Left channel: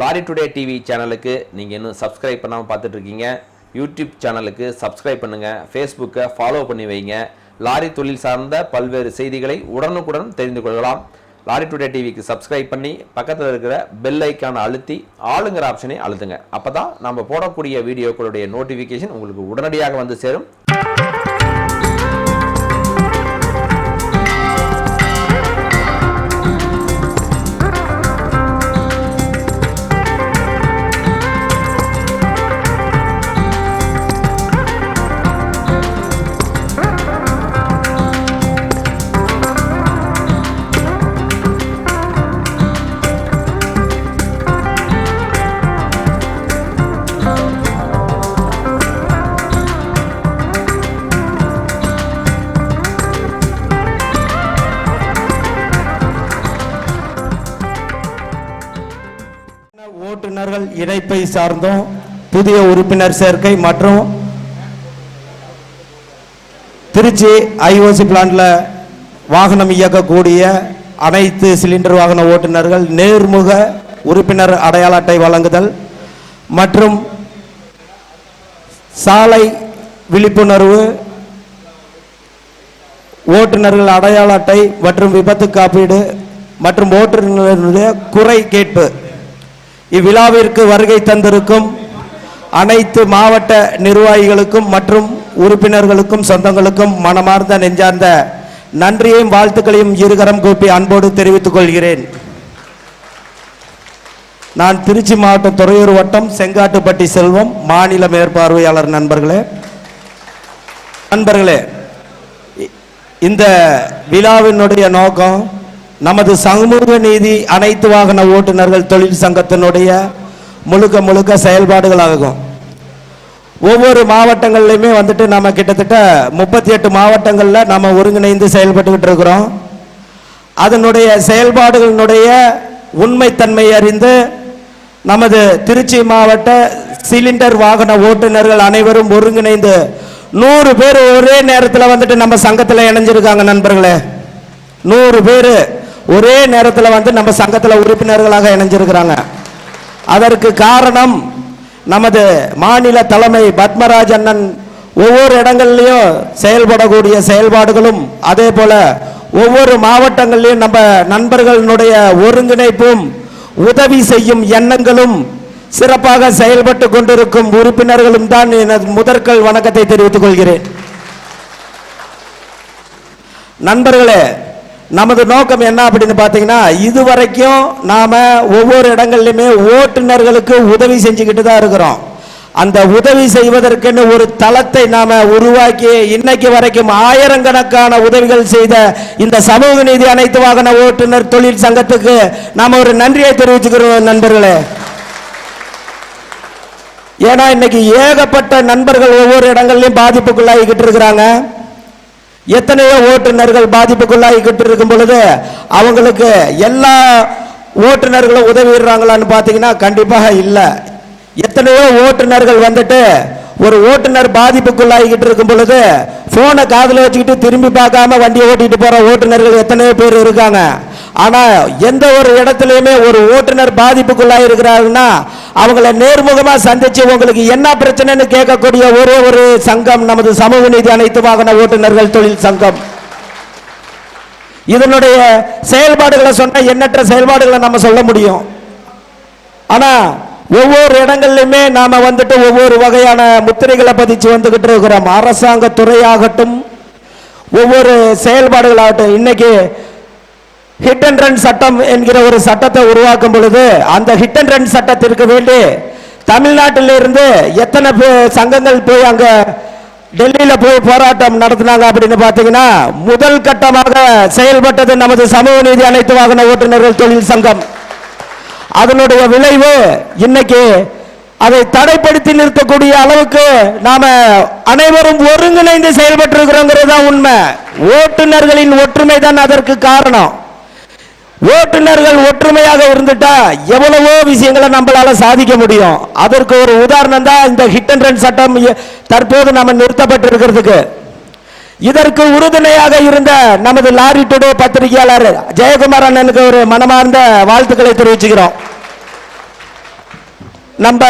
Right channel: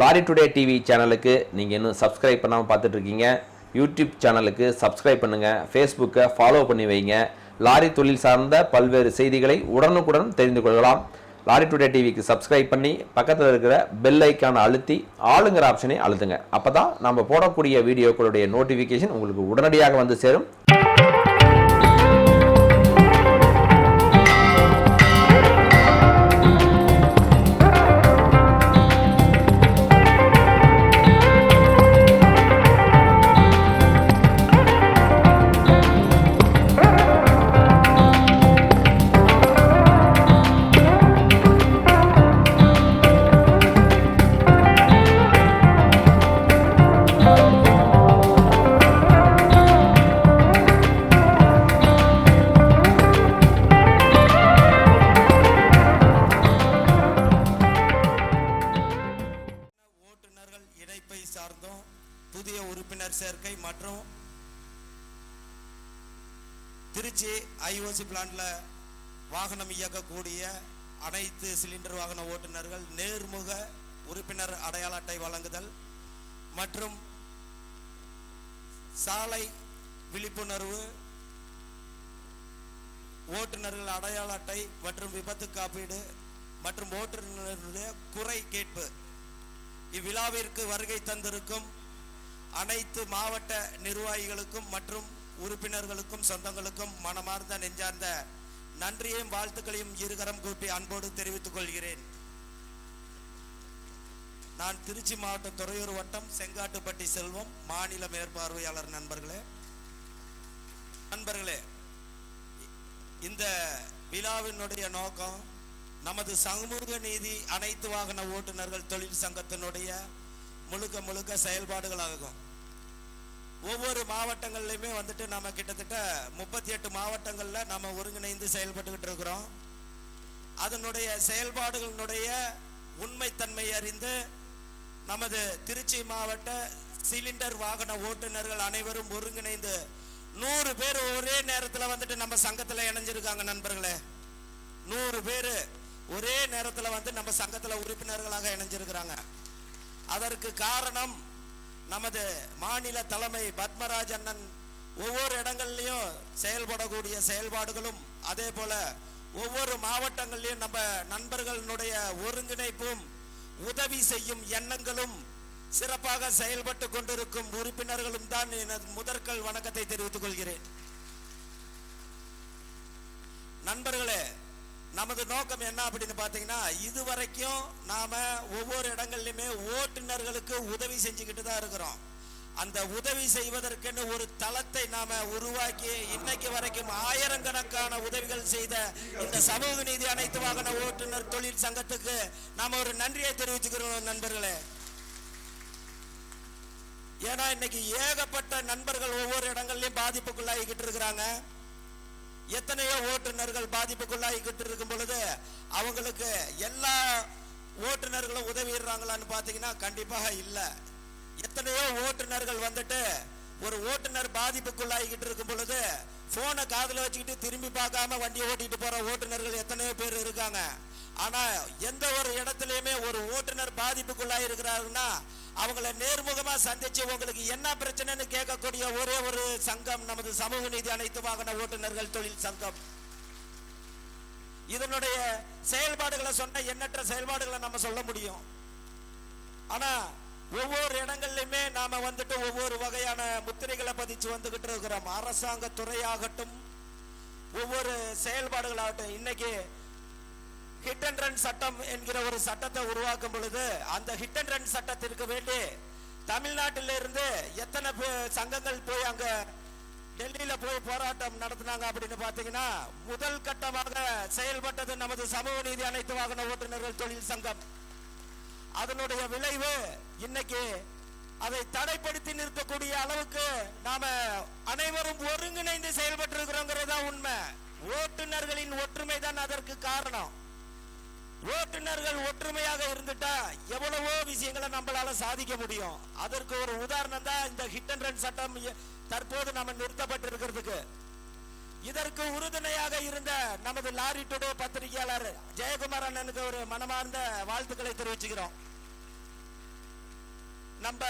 Lorry today TV சேனலுக்கு நீங்கள் இன்னும் சப்ஸ்கிரைப் பண்ணாமல் பார்த்துட்ருக்கீங்க. யூடியூப் சேனலுக்கு சப்ஸ்கிரைப் பண்ணுங்கள் ஃபேஸ்புக்கை ஃபாலோ பண்ணி வைங்க. லாரி தொழில் சார்ந்த பல்வேறு செய்திகளை உடனுக்குடன் தெரிந்து கொள்ளலாம். லாரி டுடே டிவிக்கு சப்ஸ்கிரைப் பண்ணி பக்கத்தில் இருக்கிற பெல் ஐக்கானை அழுத்தி ஆளுங்கிற ஆப்ஷனை அழுத்துங்க. அப்போ தான் நம்ம போடக்கூடிய வீடியோக்களுடைய நோட்டிஃபிகேஷன் உங்களுக்கு உடனடியாக வந்து சேரும். இணைப்பை சார்ந்தும் புதிய உறுப்பினர் சேர்க்கை மற்றும் திருச்சி ஐஓசி பிளான்ல வாகனம் இயக்கக்கூடிய அனைத்து சிலிண்டர் வாகன ஓட்டுநர்கள் நேர்முக உறுப்பினர் அடையாள அட்டை வழங்குதல் மற்றும் சாலை விழிப்புணர்வு ஓட்டுநர்கள் அடையாள அட்டை மற்றும் விபத்து காப்பீடு மற்றும் ஓட்டுநர்களுடைய குறை கேட்பு. இவ்விழாவிற்கு வருகை தந்திருக்கும் அனைத்து மாவட்ட நிர்வாகிகளுக்கும் மற்றும் உறுப்பினர்களுக்கும் சொந்தங்களுக்கும் மனமார்ந்த நெஞ்சார்ந்த நன்றியையும் வாழ்த்துக்களையும் இருகரம் கூப்பி அன்போடு தெரிவித்துக் கொள்கிறேன். நான் திருச்சி மாவட்டம் துறையூர் வட்டம் செங்காட்டுப்பட்டி செல்வம் மாநில மேற்பார்வையாளர் நண்பர்களே. நண்பர்களே இந்த விழாவினுடைய நோக்கம் நமது சமூக நீதி அனைத்து வாகன ஓட்டுநர்கள் தொழில் சங்கத்தினுடைய முழுக்க முழுக்க செயல்பாடுகளாகும். ஒவ்வொரு மாவட்டங்கள்லையுமே வந்துட்டு நம்ம கிட்டத்தட்ட முப்பத்தி எட்டு மாவட்டங்களில் நம்ம ஒருங்கிணைந்து செயல்பட்டுக்கிட்டு இருக்கிறோம். அதனுடைய செயல்பாடுகளினுடைய உண்மைத்தன்மை அறிந்து நமது திருச்சி மாவட்ட சிலிண்டர் வாகன ஓட்டுநர்கள் அனைவரும் ஒருங்கிணைந்து நூறு பேர் ஒரே நேரத்தில் வந்துட்டு நம்ம சங்கத்தில் இணைஞ்சிருக்காங்க நண்பர்களே. நூறு பேர் ஒரே நேரத்தில் வந்து நம்ம சங்கத்தில் உறுப்பினர்களாக இணைஞ்சிருக்கிறாங்க. அதற்கு காரணம் நமது மாநில தலைமை பத்மராஜ் அண்ணன். ஒவ்வொரு இடங்கள்லையும் செயல்படக்கூடிய செயல்பாடுகளும் அதே போல ஒவ்வொரு மாவட்டங்கள்லையும் நம்ம நண்பர்களுடைய ஒருங்கிணைப்பும் உதவி செய்யும் எண்ணங்களும் சிறப்பாக செயல்பட்டு கொண்டிருக்கும் உறுப்பினர்களும் தான் எனது முதற்கல் வணக்கத்தை தெரிவித்துக் கொள்கிறேன். நண்பர்களே நமது நோக்கம் என்ன அப்படின்னு பார்த்தீங்கன்னா இதுவரைக்கும் நாம் ஒவ்வொரு இடங்கள்லையுமே ஓட்டுநர்களுக்கு உதவி செஞ்சுக்கிட்டு தான் இருக்கிறோம். அந்த உதவி செய்வதற்குன்னு ஒரு தளத்தை நாம உருவாக்கி இன்னைக்கு வரைக்கும் ஆயிரக்கணக்கான உதவிகள் செய்த இந்த சமூக நீதி அனைத்து வாகன ஓட்டுநர் தொழில் சங்கத்துக்கு நாம ஒரு நன்றியை தெரிவிச்சுக்கிறோம் நண்பர்களே. ஏன்னா இன்னைக்கு ஏகப்பட்ட நண்பர்கள் ஒவ்வொரு இடங்கள்லையும் பாதிப்புக்குள்ளாகிக்கிட்டு இருக்கிறாங்க. எத்தனையோ ஓட்டுநர்கள் பாதிப்புக்குள்ளாகிக்கிட்டு இருக்கும் பொழுது அவங்களுக்கு எல்லா ஓட்டுநர்களும் உதவிடுறாங்களான்னு பார்த்தீங்கன்னா கண்டிப்பாக இல்லை. எத்தனையோ ஓட்டுநர்கள் வந்துட்டு ஒரு ஓட்டுநர் பாதிப்புக்குள்ளாகிக்கிட்டு இருக்கும் பொழுது போனை காதில் வச்சுக்கிட்டு திரும்பி பார்க்காம வண்டியை ஓட்டிட்டு போற ஓட்டுநர்கள் எத்தனையோ பேர் இருக்காங்க. ஆனா எந்த ஒரு இடத்துலயுமே ஒரு ஓட்டுநர் பாதிப்புக்குள்ளாக இருக்கிறாருன்னா அவங்கள நேர்முகமா சந்திச்சு உங்களுக்கு என்ன பிரச்சனைன்னு கேட்கக்கூடிய ஒரே ஒரு சங்கம் நமது சமூக நீதி அனைத்து வாகன ஓட்டுநர்கள் தொழில் சங்கம். இதனுடைய செயல்பாடுகளை சொன்னா எண்ணற்ற செயல்பாடுகளை நம்ம சொல்ல முடியும். ஆனா ஒவ்வொரு இடங்கள்லையுமே நாம வந்துட்டு ஒவ்வொரு வகையான முத்திரைகளை பதிச்சு வந்துகிட்டு இருக்கிறோம். அரசாங்க துறையாகட்டும் ஒவ்வொரு செயல்பாடுகளாகட்டும். இன்னைக்கு ஹிட் அண்ட் ரன் சட்டம் என்கிற ஒரு சட்டத்தை உருவாக்கும் பொழுது அந்த ஹிட் அண்ட் ரன் சட்டத்திற்கு வேண்டி தமிழ்நாட்டிலிருந்து எத்தனை சங்கங்கள் போய் அங்க டெல்லியில போய் போராட்டம் நடத்தினாங்க அப்படின்னு பாத்தீங்கன்னா முதல் கட்டமாக செயல்பட்டது நமது சமூக நீதி அனைத்து வாகன ஓட்டுநர்கள் தொழில் சங்கம். அதனுடைய விளைவு இன்னைக்கு அதை தடைப்படுத்தி நிறுத்தக்கூடிய அளவுக்கு நாம அனைவரும் ஒருங்கிணைந்து செயல்பட்டு இருக்கிறோங்கிறது தான் உண்மை. ஓட்டுநர்களின் ஒற்றுமை தான் அதற்கு காரணம். ஓட்டுநர்கள் ஒற்றுமையாக இருந்துட்டா எவ்வளவோ விஷயங்களை நம்மளால சாதிக்க முடியும். அதற்கு ஒரு உதாரணம் தான் இந்த ஹிட் அண்ட் ரன் சட்டம் தற்போது நம்ம நிறுத்தப்பட்டிருக்கிறதுக்கு. இதற்கு உறுதுணையாக இருந்த நமது லாரி டுடே பத்திரிகையாளர் ஜெயக்குமார் அண்ணனுக்கு ஒரு மனமார்ந்த வாழ்த்துக்களை தெரிவிச்சுக்கிறோம். நம்ம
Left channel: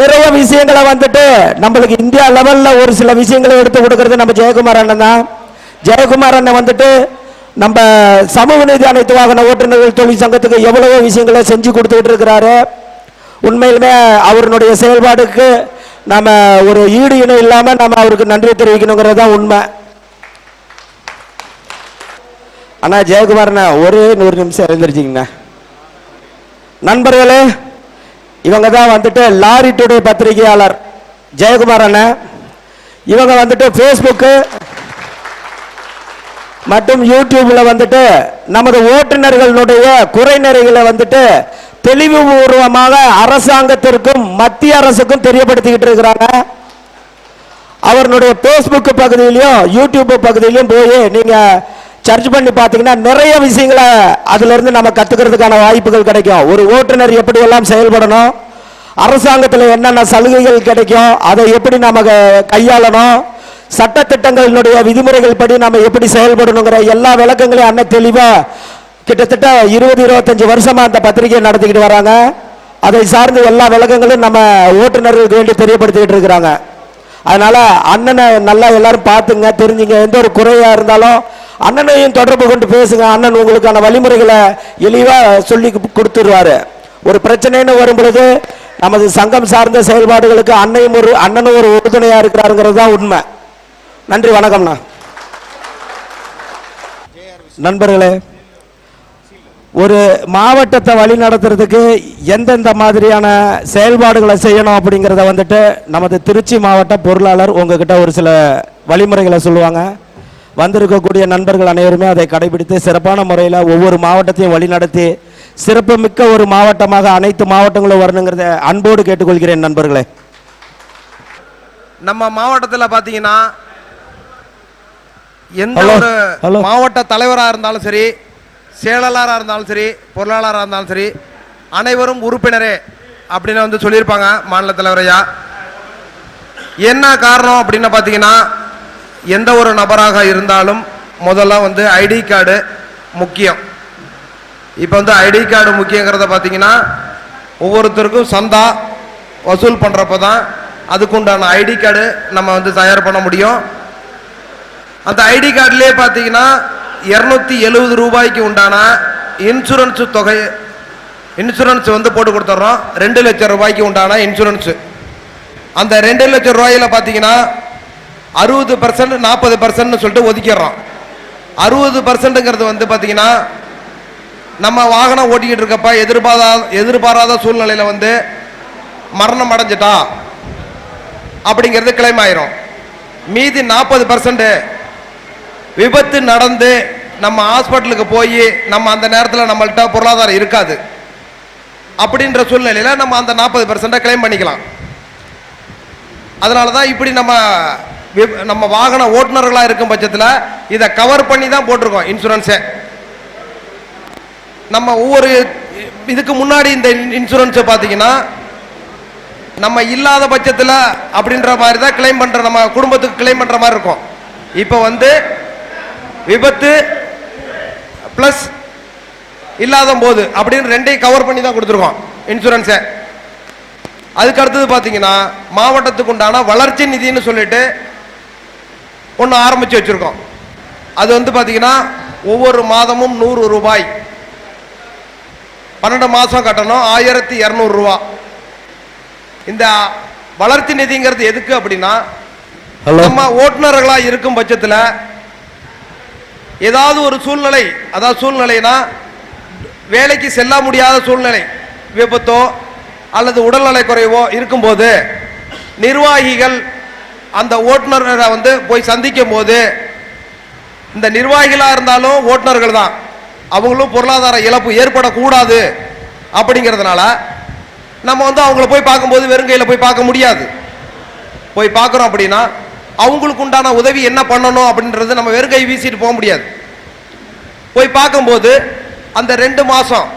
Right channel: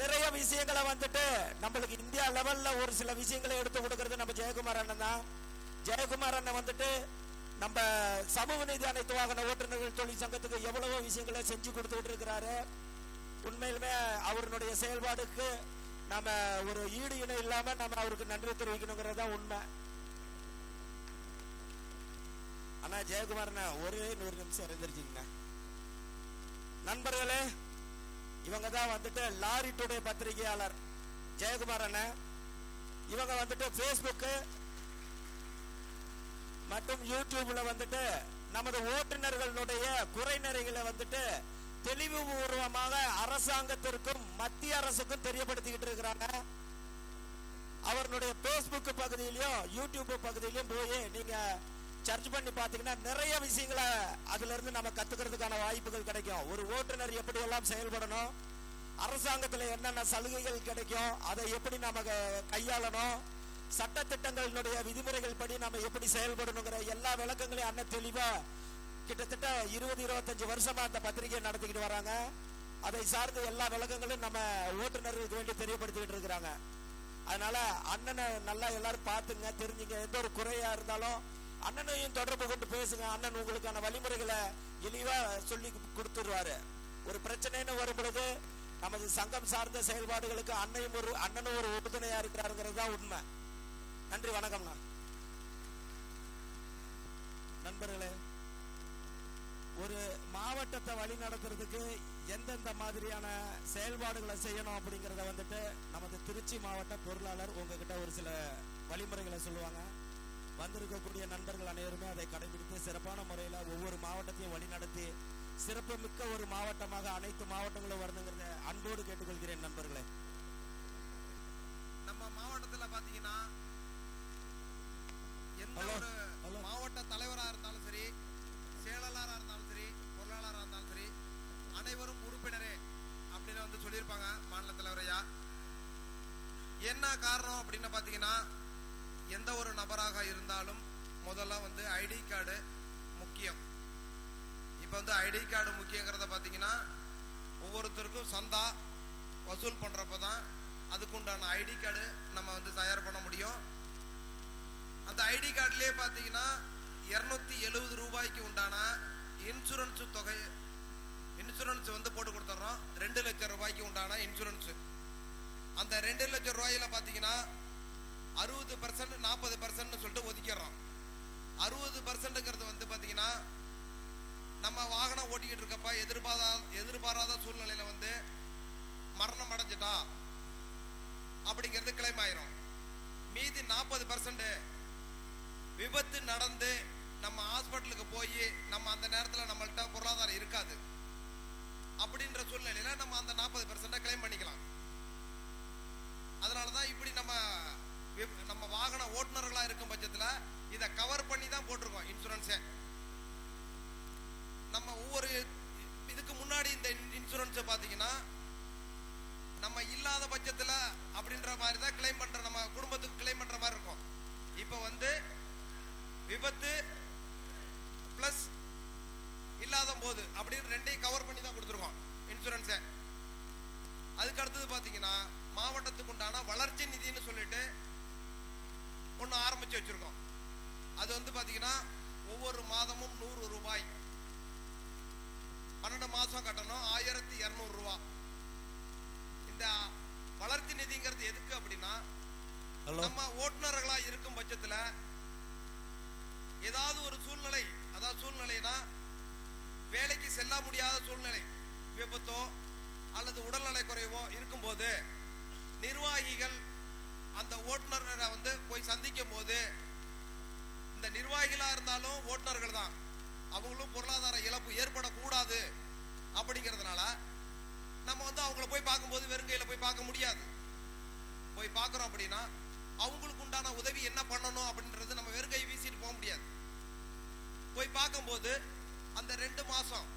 நிறைய விஷயங்களை வந்துட்டு நம்மளுக்கு இந்தியா லெவலில் ஒரு சில விஷயங்களை எடுத்து கொடுக்கறது நம்ம ஜெயக்குமார் அண்ணன் தான். ஜெயக்குமார் அண்ணன் வந்துட்டு நம்ம சமூக நீதி அனைத்து வாகன ஓட்டுநர்கள் தொழிற்சங்கத்துக்கு எவ்வளவோ விஷயங்களை செஞ்சு கொடுத்துக்கிட்டு இருக்கிறாரு. உண்மையிலுமே அவருடைய செயல்பாடுக்கு நம்ம ஒரு ஈடு இணை இல்லாமல் நம்ம அவருக்கு நன்றி தெரிவிக்கணுங்கிறது தான் உண்மை. அண்ணா ஜெயக்குமார்ண்ணா ஒரே நூறு நிமிஷம் எழுந்திருச்சிங்கண்ணா. நண்பர்களே இவங்க தான் வந்துட்டு லாரி டுடே பத்திரிகையாளர் ஜெயக்குமார் அண்ணன் இவங்க வந்துட்டு ஃபேஸ்புக்கு மற்றும் யூடியூப்ல வந்துட்டு நமது ஓட்டுநர்களுடைய குறைநிறைகளை வந்துட்டு தெளிவுபூர்வமாக அரசாங்கத்திற்கும் மத்திய அரசுக்கும் தெரியப்படுத்திக்கிட்டு இருக்கிறாங்க. அவர்களுடைய ஃபேஸ்புக் பகுதியிலையும் யூடியூப் பகுதியிலையும் போய் நீங்கள் சர்ச் பண்ணி பார்த்தீங்கன்னா நிறைய விஷயங்களை அதிலிருந்து நம்ம கற்றுக்கிறதுக்கான வாய்ப்புகள் கிடைக்கும். ஒரு ஓட்டுநர் எப்படி எல்லாம் செயல்படணும் அரசாங்கத்தில் என்னென்ன சலுகைகள் கிடைக்கும் அதை எப்படி நம்ம கையாளணும் சட்டத்திட்டங்களினுடைய விதிமுறைகள் படி நம்ம எப்படி செயல்படணுங்கிற எல்லா விளக்கங்களையும் அண்ணன் தெளிவாக கிட்டத்தட்ட இருபது இருபத்தஞ்சு வருஷமாக அந்த பத்திரிகையை நடத்திக்கிட்டு வராங்க. அதை சார்ந்த எல்லா விளக்கங்களும் நம்ம ஓட்டுநர்களுக்கு வேண்டி தெரியப்படுத்திக்கிட்டு இருக்கிறாங்க. அதனால் அண்ணனை நல்லா எல்லாரும் பார்த்துங்க தெரிஞ்சுங்க. எந்த ஒரு குறையாக இருந்தாலும் அண்ணனையும் தொடர்பு கொண்டு பேசுங்க. அண்ணன் உங்களுக்கான வழிமுறைகளை எளிவாக சொல்லி கொடுத்துருவாரு ஒரு பிரச்சனைன்னு வரும் பொழுது நமது சங்கம் சார்ந்த செயல்பாடுகளுக்கு அன்னையும் ஒரு அண்ணனும் ஒரு உறுதுணையாக இருக்கிறாருங்கிறது தான் உண்மை. நன்றி வணக்கம்ண்ணா. நண்பர்களே ஒரு மாவட்டத்தை வழி நடத்துறதுக்கு எந்தெந்த மாதிரியான செயல்பாடுகளை செய்யணும் அப்படிங்கிறத வந்துட்டு நமது திருச்சி மாவட்ட பொருளாளர் உங்ககிட்ட ஒரு சில வழிமுறைகளை சொல்லுவாங்க. வந்திருக்கக்கூடிய நண்பர்கள் அனைவருமே அதை கடைபிடித்து சிறப்பான முறையில் ஒவ்வொரு மாவட்டத்தையும் வழிநடத்தி சிறப்புமிக்க ஒரு மாவட்டமாக அனைத்து மாவட்டங்களும் வரணுங்கிறத அன்போடு கேட்டுக்கொள்கிறேன் நண்பர்களே நம்ம மாவட்டத்தில் பார்த்தீங்கன்னா எந்த ஒரு. மாவட்ட தலைவராக இருந்தாலும் சரி செயலாளராக இருந்தாலும் சரி பொருளாளராக இருந்தாலும் சரி அனைவரும் உறுப்பினரே அப்படின்னு வந்து சொல்லியிருப்பாங்க மாநில தலைவரையா என்ன காரணம் அப்படின்னு பார்த்தீங்கன்னா எந்த ஒரு நபராக இருந்தாலும் முதல்ல வந்து ஐடி கார்டு முக்கியம். இப்போ வந்து ஐடி கார்டு முக்கியங்கிறத பார்த்தீங்கன்னா ஒவ்வொருத்தருக்கும் சந்தா வசூல் பண்ணுறப்ப தான் அதுக்குண்டான ஐடி கார்டு நம்ம வந்து தயார் பண்ண முடியும். அந்த ஐடி கார்டுலேயே பார்த்தீங்கன்னா இரநூத்தி எழுபது ரூபாய்க்கு உண்டான இன்சூரன்ஸ் தொகை இன்சூரன்ஸ் வந்து போட்டு கொடுத்துட்றோம் ரெண்டு லட்சம் ரூபாய்க்கு உண்டான இன்சூரன்ஸு. அந்த ரெண்டு லட்சம் ரூபாயில பார்த்தீங்கன்னா அறுபது பர்சன்ட் நாற்பது பர்சன்ட்னு சொல்லிட்டு ஒதுக்கிடுறோம். அறுபது பர்சன்ட்டுங்கிறது வந்து பார்த்தீங்கன்னா நம்ம வாகனம் ஓட்டிக்கிட்டு இருக்கப்ப எதிர்பாராத எதிர்பாராத சூழ்நிலையில் வந்து மரணம் அடைஞ்சிட்டா அப்படிங்கிறது கிளைம் ஆயிரும் மீதி நாற்பது பர்சன்ட் விபத்து நடந்து நம்ம ஹாஸ்பிட்டலுக்கு போய் நம்ம அந்த நேரத்தில் நம்மள்ட்ட பொருளாதாரம் இருக்காது. அப்படின்ற சூழ்நிலையில் நம்ம அந்த நாற்பது பர்சண்ட்டை கிளைம் பண்ணிக்கலாம். அதனால தான் இப்படி நம்ம நம்ம வாகன ஓட்டுநர்களாக இருக்கும் பட்சத்தில் இதை கவர் பண்ணி தான் போட்டிருக்கோம் இன்சூரன்ஸை நம்ம ஒவ்வொரு இதுக்கு முன்னாடி இந்த இன்சூரன்ஸை பார்த்தீங்கன்னா நம்ம இல்லாத பட்சத்தில் அப்படின்ற மாதிரி தான் கிளைம் பண்ணுற நம்ம குடும்பத்துக்கு கிளைம் பண்ணுற மாதிரி இருக்கும். இப்போ வந்து விபத்து ப்ளஸ் இல்லாத போது அப்படின்னு ரெண்டையும் கவர் பண்ணி தான் கொடுத்துருக்கோம் இன்சூரன்ஸை அதுக்கு அடுத்தது பார்த்தீங்கன்னா மாவட்டத்துக்கு உண்டான வளர்ச்சி நிதின்னு சொல்லிட்டு ஒன்று ஆரம்பித்து வச்சுருக்கோம். அது வந்து பார்த்தீங்கன்னா ஒவ்வொரு மாதமும் நூறு ரூபாய். பன்னெண்டு மாதம் கட்டணும் ஆயிரத்தி இரநூறுவா இந்த வளர்ச்சி நிதிங்கிறது எதுக்கு அப்படின்னா நம்ம ஓட்டுநர்களா இருக்கும் பட்சத்துல ஏதாவது ஒரு சூழ்நிலை அதாவது சூழ்நிலைனா வேலைக்கு செல்ல முடியாத சூழ்நிலை விபத்தோ அல்லது உடல்நலை குறைவோ இருக்கும்போது நிர்வாகிகள் அந்த ஓட்டுநரை வந்து போய் சந்திக்கும் போது இந்த நிர்வாகிகளாக இருந்தாலும் ஓட்டுநர்கள் தான். அவங்களும் பொருளாதார இழப்பு ஏற்படக்கூடாது அப்படிங்கிறதுனால நம்ம வந்து அவங்கள போய் பார்க்கும்போது வெறும் கையில் போய் பார்க்க முடியாது. போய் பார்க்குறோம் அப்படின்னா அவங்களுக்கு உண்டான உதவி என்ன பண்ணணும் அப்படின்றது நம்ம வெறும் கை வீசிட்டு போக முடியாது. போய் பார்க்கும்போது அந்த ரெண்டு மாதம்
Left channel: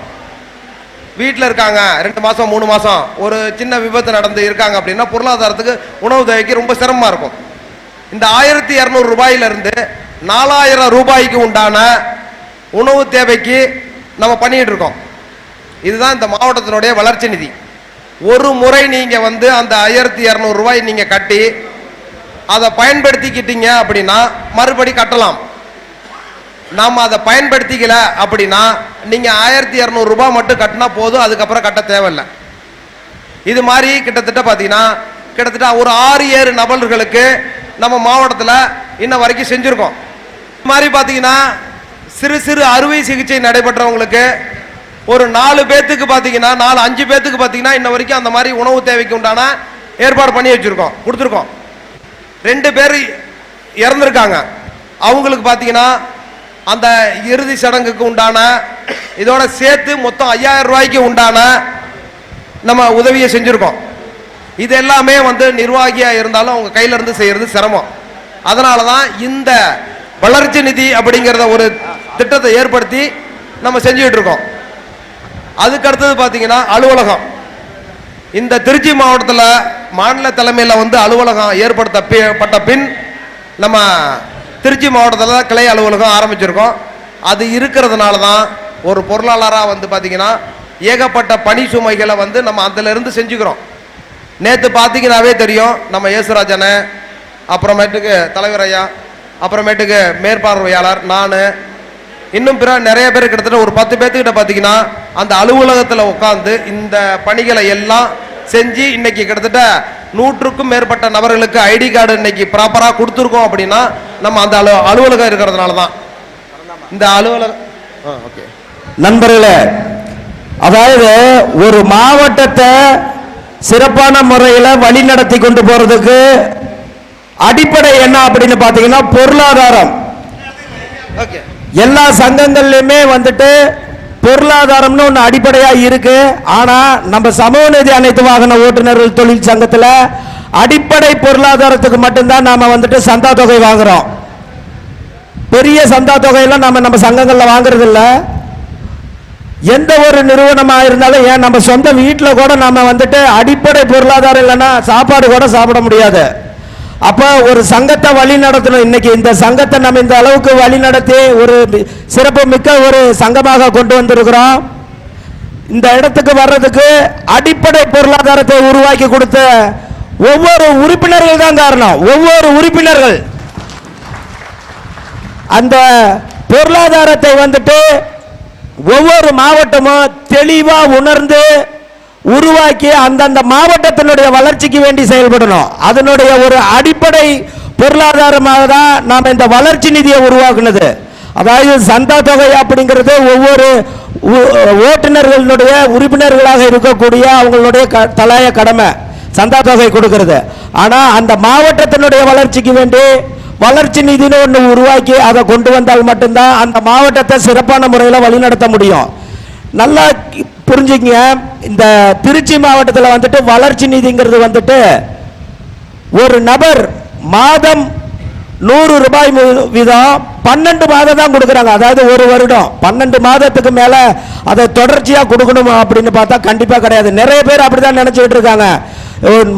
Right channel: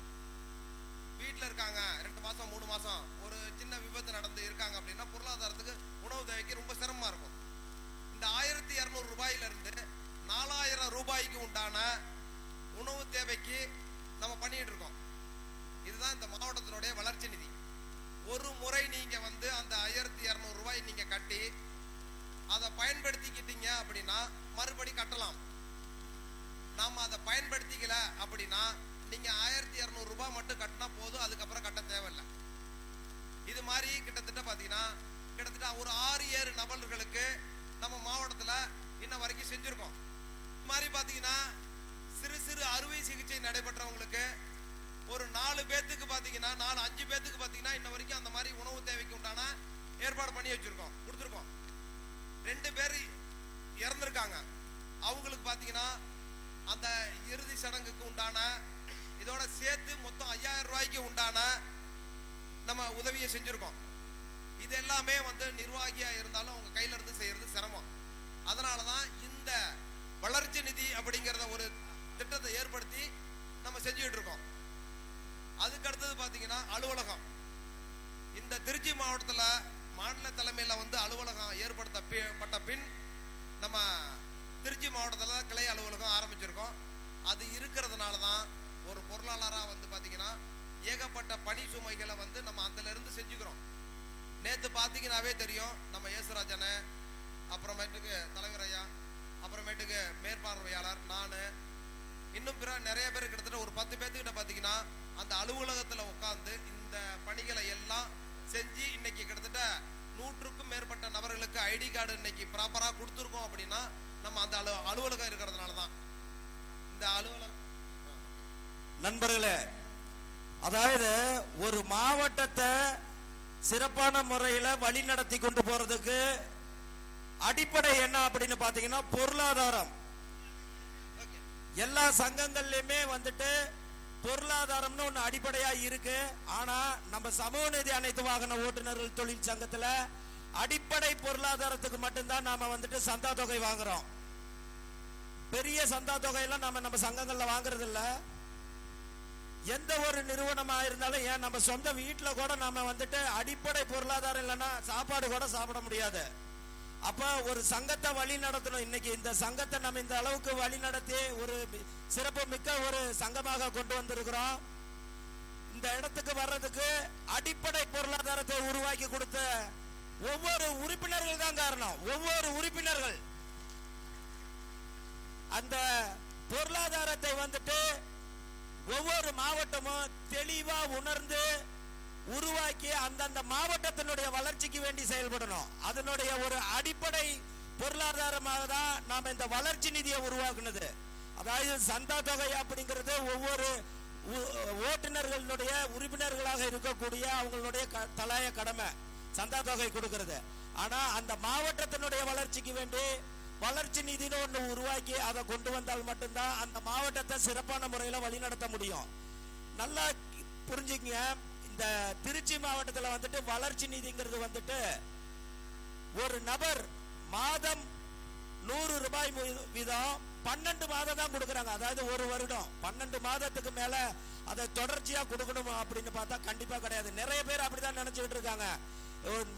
வீட்டில் இருக்காங்க. ரெண்டு மாதம் மூணு மாதம் ஒரு சின்ன விபத்து நடந்து இருக்காங்க அப்படின்னா பொருளாதாரத்துக்கு உணவு தேவைக்கு ரொம்ப சிரமமாக இருக்கும். இந்த ஆயிரத்தி இரநூறு ரூபாயிலிருந்து நாலாயிரம் ரூபாய்க்கு உண்டான உணவு தேவைக்கு நம்ம பண்ணிகிட்டு இருக்கோம். இதுதான் இந்த மாவட்டத்தினுடைய வளர்ச்சி நிதி. ஒரு முறை நீங்கள் வந்து அந்த ஆயிரத்தி இரநூறு ரூபாய் கட்டி அதை பயன்படுத்திக்கிட்டீங்க அப்படின்னா மறுபடி கட்டலாம். நாம் அதை பயன்படுத்திக்கல அப்படின்னா நீங்கள் ஆயிரத்தி இரநூறுபா மட்டும் கட்டினா போதும் அதுக்கப்புறம் கட்ட தேவையில்லை. இது மாதிரி கிட்டத்தட்ட பார்த்தீங்கன்னா கிட்டத்தட்ட ஒரு ஆறு ஏழு நபர்களுக்கு நம்ம மாவட்டத்தில் இன்ன வரைக்கும் செஞ்சுருக்கோம். இது மாதிரி பார்த்தீங்கன்னா சிறு சிறு அறுவை சிகிச்சை நடைபெற்றவங்களுக்கு ஒரு நாலு பேத்துக்கு பார்த்தீங்கன்னா நாலு அஞ்சு பேத்துக்கு பார்த்தீங்கன்னா இன்ன வரைக்கும் அந்த மாதிரி உணவு தேவைக்கு உண்டான ஏற்பாடு பண்ணி வச்சுருக்கோம் கொடுத்துருக்கோம். ரெண்டு பேர் இறந்துருக்காங்க. அவங்களுக்கு பார்த்தீங்கன்னா அந்த இறுதி சடங்குக்கு உண்டான இதோட சேர்த்து மொத்தம் ஐயாயிரம் ரூபாய்க்கு உண்டான நம்ம உதவியை செஞ்சுருக்கோம். இது எல்லாமே வந்து நிர்வாகியாக இருந்தாலும் அவங்க கையிலேருந்து செய்கிறது சிரமம். அதனால தான் இந்த வளர்ச்சி நிதி அப்படிங்கிறத ஒரு திட்டத்தை ஏற்படுத்தி நம்ம செஞ்சுட்டு இருக்கோம். அதுக்கு அடுத்தது பார்த்தீங்கன்னா அலுவலகம். இந்த திருச்சி மாவட்டத்தில் மாநில தலைமையில் வந்து அலுவலகம் ஏற்படுத்தப்பட்ட பின் நம்ம திருச்சி மாவட்டத்தில் தான் கிளை அலுவலகம் ஆரம்பிச்சிருக்கோம். அது இருக்கிறதுனால தான் ஒரு பொருளாளராக வந்து பார்த்தீங்கன்னா ஏகப்பட்ட பணி சுமைகளை வந்து நம்ம அதிலிருந்து செஞ்சுக்கிறோம். நேற்று பார்த்தீங்கன்னாவே தெரியும் நம்ம இயேசுராஜனை அப்புறமேட்டுக்கு தலைவர் ஐயா அப்புறமேட்டுக்கு மேற்பார்வையாளர் நான் இன்னும் பிற நிறைய பேர் கிட்டத்தட்ட ஒரு பத்து பேர்த்துக்கிட்ட பார்த்தீங்கன்னா அந்த அலுவலகத்தில் உட்காந்து இந்த பணிகளை எல்லாம் செஞ்சு இன்னைக்கு கிட்டத்தட்ட நூற்றுக்கும் மேற்பட்ட நபர்களுக்கு ஐடி கார்டு இன்னைக்கு ப்ராப்பராக கொடுத்துருக்கோம் அப்படின்னா நம்ம அந்த அலு அலுவலகம் இருக்கிறதுனால தான் இந்த அலுவலகம் ஓகே நண்பர்களே அதாவது ஒரு மாவட்டத்தை சிறப்பான முறையில் வழி நடத்தி கொண்டு போறதுக்கு அடிப்படை என்ன அப்படின்னு பார்த்தீங்கன்னா பொருளாதாரம். ஓகே எல்லா சங்கங்கள்லையுமே வந்துட்டு பொருளாதாரம்னு ஒன்று அடிப்படையாக இருக்கு. ஆனால் நம்ம சமூக நிதி அனைத்து வாகன ஓட்டுநர்கள் தொழில் சங்கத்தில் அடிப்படை பொருளாதாரத்துக்கு மட்டும்தான் நாம் வந்துட்டு சந்தா தொகை வாங்குறோம். பெரிய சந்தா தொகையெல்லாம் நம்ம நம்ம சங்கங்களில் வாங்குறது இல்லை எந்த ஒரு நிறுவனமாக இருந்தாலும் ஏன் நம்ம சொந்த வீட்டில் கூட நம்ம வந்துட்டு அடிப்படை பொருளாதாரம் இல்லைன்னா சாப்பாடு கூட சாப்பிட முடியாது. அப்போ ஒரு சங்கத்தை வழி நடத்தணும். இன்னைக்கு இந்த சங்கத்தை நம்ம இந்த அளவுக்கு வழி நடத்தி ஒரு சிறப்பு மிக்க ஒரு சங்கமாக கொண்டு வந்திருக்கிறோம். இந்த இடத்துக்கு வர்றதுக்கு அடிப்படை பொருளாதாரத்தை உருவாக்கி கொடுத்த ஒவ்வொரு உறுப்பினர்கள் தான் காரணம். ஒவ்வொரு உறுப்பினர்கள். அந்த பொருளாதாரத்தை வந்துட்டு ஒவ்வொரு மாவட்டமும் தெளிவாக உணர்ந்து உருவாக்கி அந்தந்த மாவட்டத்தினுடைய வளர்ச்சிக்கு வேண்டி செயல்படணும். அதனுடைய ஒரு அடிப்படை பொருளாதாரமாக தான் நாம் இந்த வளர்ச்சி நிதியை உருவாக்குனது. அதாவது சந்தா தொகை அப்படிங்கிறது ஒவ்வொரு ஓட்டுநர்களுடைய உறுப்பினர்களாக இருக்கக்கூடிய அவங்களுடைய க கடமை சந்தா தொகை கொடுக்கிறது. ஆனால் அந்த மாவட்டத்தினுடைய வளர்ச்சிக்கு வேண்டி வளர்ச்சி நிதினு ஒன்று உருவாக்கி அதை கொண்டு வந்தால் மட்டும்தான் அந்த மாவட்டத்தை சிறப்பான முறையில் வழிநடத்த முடியும். நல்லா புரிஞ்சுங்க இந்த திருச்சி மாவட்டத்தில் வந்துட்டு வளர்ச்சி நிதிங்கிறது வந்துட்டு ஒரு நபர் மாதம் நூறு ரூபாய் வீதம் பன்னெண்டு மாதம் தான் கொடுக்குறாங்க. அதாவது ஒரு வருடம். பன்னெண்டு மாதத்துக்கு மேல அதை தொடர்ச்சியா கொடுக்கணும் அப்படின்னு பார்த்தா கண்டிப்பா கிடையாது. நிறைய பேர் அப்படிதான் நினைச்சுக்கிட்டு இருக்காங்க.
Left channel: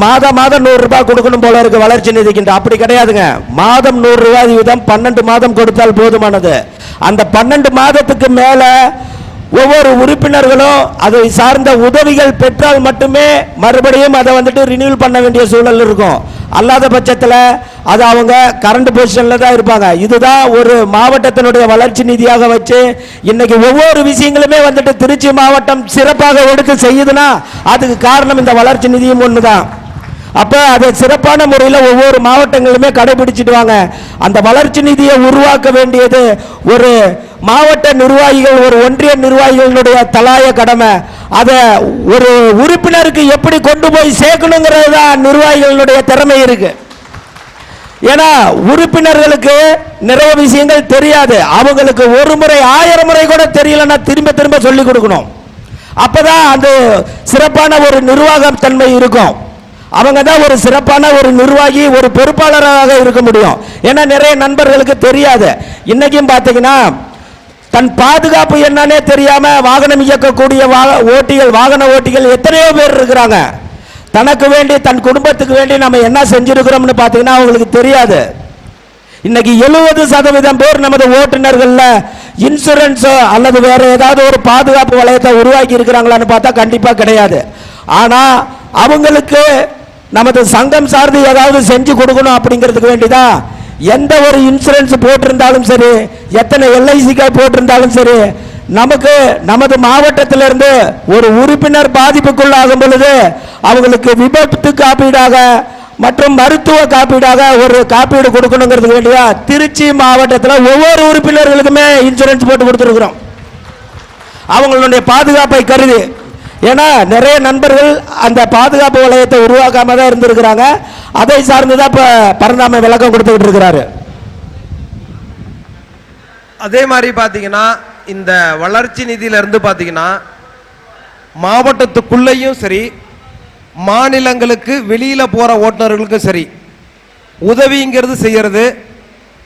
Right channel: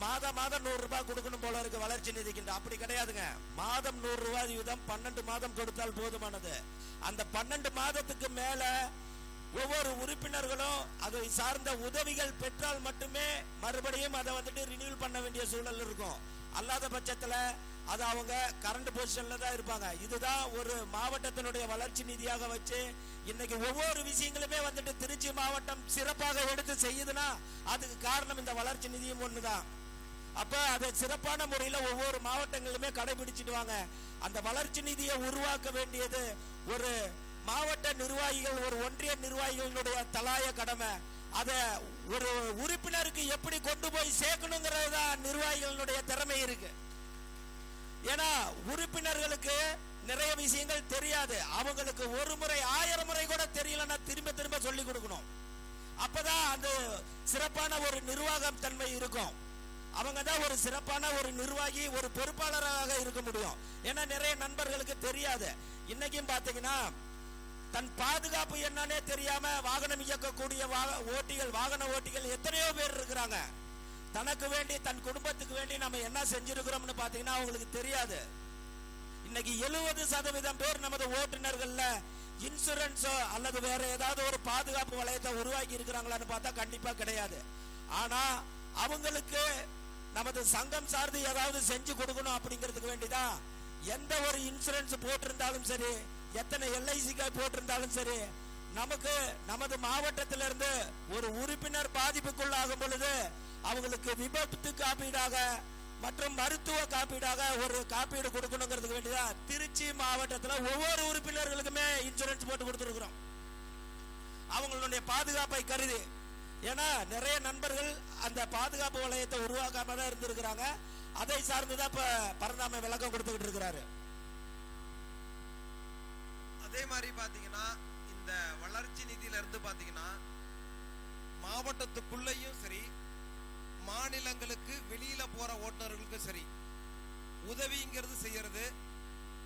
மாதம் மாதம் நூறு ரூபாய் கொடுக்கணும் போல இருக்கு வளர்ச்சி நிதிக்கின்ற. அப்படி கிடையாதுங்க. மாதம் நூறு ரூபாய் வீதம் பன்னெண்டு மாதம் கொடுத்தால் போதுமானது. அந்த பன்னெண்டு மாதத்துக்கு மேலே ஒவ்வொரு உறுப்பினர்களும் அதை சார்ந்த உதவிகள் பெற்றால் மட்டுமே மறுபடியும் அதை வந்துட்டு ரினியூல் பண்ண வேண்டிய சூழல் இருக்கும். அல்லாத பட்சத்தில் அது அவங்க கரண்ட் பொசிஷனில் தான் இருப்பாங்க. இதுதான் ஒரு மாவட்டத்தினுடைய வளர்ச்சி நிதியாக வச்சு இன்னைக்கு ஒவ்வொரு விஷயங்களுமே வந்துட்டு திருச்சி மாவட்டம் சிறப்பாக எடுத்து செய்யுதுன்னா அதுக்கு காரணம் இந்த வளர்ச்சி நிதியும் ஒன்று தான் அப்போ அதை சிறப்பான முறையில் ஒவ்வொரு மாவட்டங்களுமே கடைபிடிச்சிட்டு வாங்க. அந்த வளர்ச்சி நிதியை உருவாக்க வேண்டியது ஒரு மாவட்ட நிர்வாகிகள் ஒரு ஒன்றிய நிர்வாகிகளுடைய தலாய கடமை. அதை ஒரு உறுப்பினருக்கு எப்படி கொண்டு போய் சேர்க்கணுங்கிறது தான் நிர்வாகிகளுடைய திறமை இருக்கு. ஏன்னா உறுப்பினர்களுக்கு நிறைய விஷயங்கள் தெரியாது. அவங்களுக்கு ஒரு முறை ஆயிரம் முறை கூட தெரியலன்னா திரும்ப திரும்ப சொல்லி கொடுக்கணும். அப்பதான் அந்த சிறப்பான ஒரு நிர்வாகம் தன்மை இருக்கும். அவங்க தான் ஒரு சிறப்பான ஒரு நிர்வாகி ஒரு பொறுப்பாளராக இருக்க முடியும். ஏன்னா நிறைய நண்பர்களுக்கு தெரியாது. இன்னைக்கும் பார்த்தீங்கன்னா தன் பாதுகாப்பு என்னன்னே தெரியாம வாகனம் இயக்கக்கூடிய ஓட்டிகள் வாகன ஓட்டிகள் எத்தனையோ பேர் இருக்கிறாங்க. தனக்கு வேண்டி தன் குடும்பத்துக்கு வேண்டி நம்ம என்ன செஞ்சிருக்கிறோம்னு பார்த்தீங்கன்னா அவங்களுக்கு தெரியாது. இன்னைக்கு எழுபது சதவீதம் பேர் நமது ஓட்டுநர்கள்ல இன்சூரன்ஸோ அல்லது வேற ஏதாவது ஒரு பாதுகாப்பு வளையத்தை உருவாக்கி இருக்கிறாங்களான்னு பார்த்தா கண்டிப்பா கிடையாது. ஆனா அவங்களுக்கு நமது சங்கம் சார்ந்து ஏதாவது செஞ்சு கொடுக்கணும் அப்படிங்கிறதுக்கு வேண்டிதான் எந்த ஒரு இன்சூரன்ஸ் போட்டிருந்தாலும் சரி எத்தனை எல்ஐசிக்காக போட்டிருந்தாலும் சரி நமக்கு நமது மாவட்டத்திலிருந்து ஒரு உறுப்பினர் பாதிப்புக்குள்ளாகும் பொழுது அவங்களுக்கு விபத்து காப்பீடாக மற்றும் மருத்துவ காப்பீடாக ஒரு காப்பீடு கொடுக்கணுங்கிறதுக்கு வேண்டியா திருச்சி மாவட்டத்தில் ஒவ்வொரு உறுப்பினர்களுக்குமே இன்சூரன்ஸ் போட்டு கொடுத்துருக்குறோம். அவங்களுடைய பாதுகாப்பை கருதி ஏன்னா நிறைய நண்பர்கள் அந்த பாதுகாப்பு வளையத்தை உருவாக்காம தான் இருந்திருக்கிறாங்க. அதை சார்ந்து தான் இப்போ பரந்தாமை விளக்கம் கொடுத்துக்கிட்டு இருக்கிறாரு. அதே மாதிரி பார்த்தீங்கன்னா இந்த வளர்ச்சி நிதியிலிருந்து பார்த்தீங்கன்னா மாவட்டத்துக்குள்ளேயும் சரி மாநிலங்களுக்கு வெளியில் போகிற ஓட்டுநர்களுக்கும் சரி உதவிங்கிறது செய்கிறது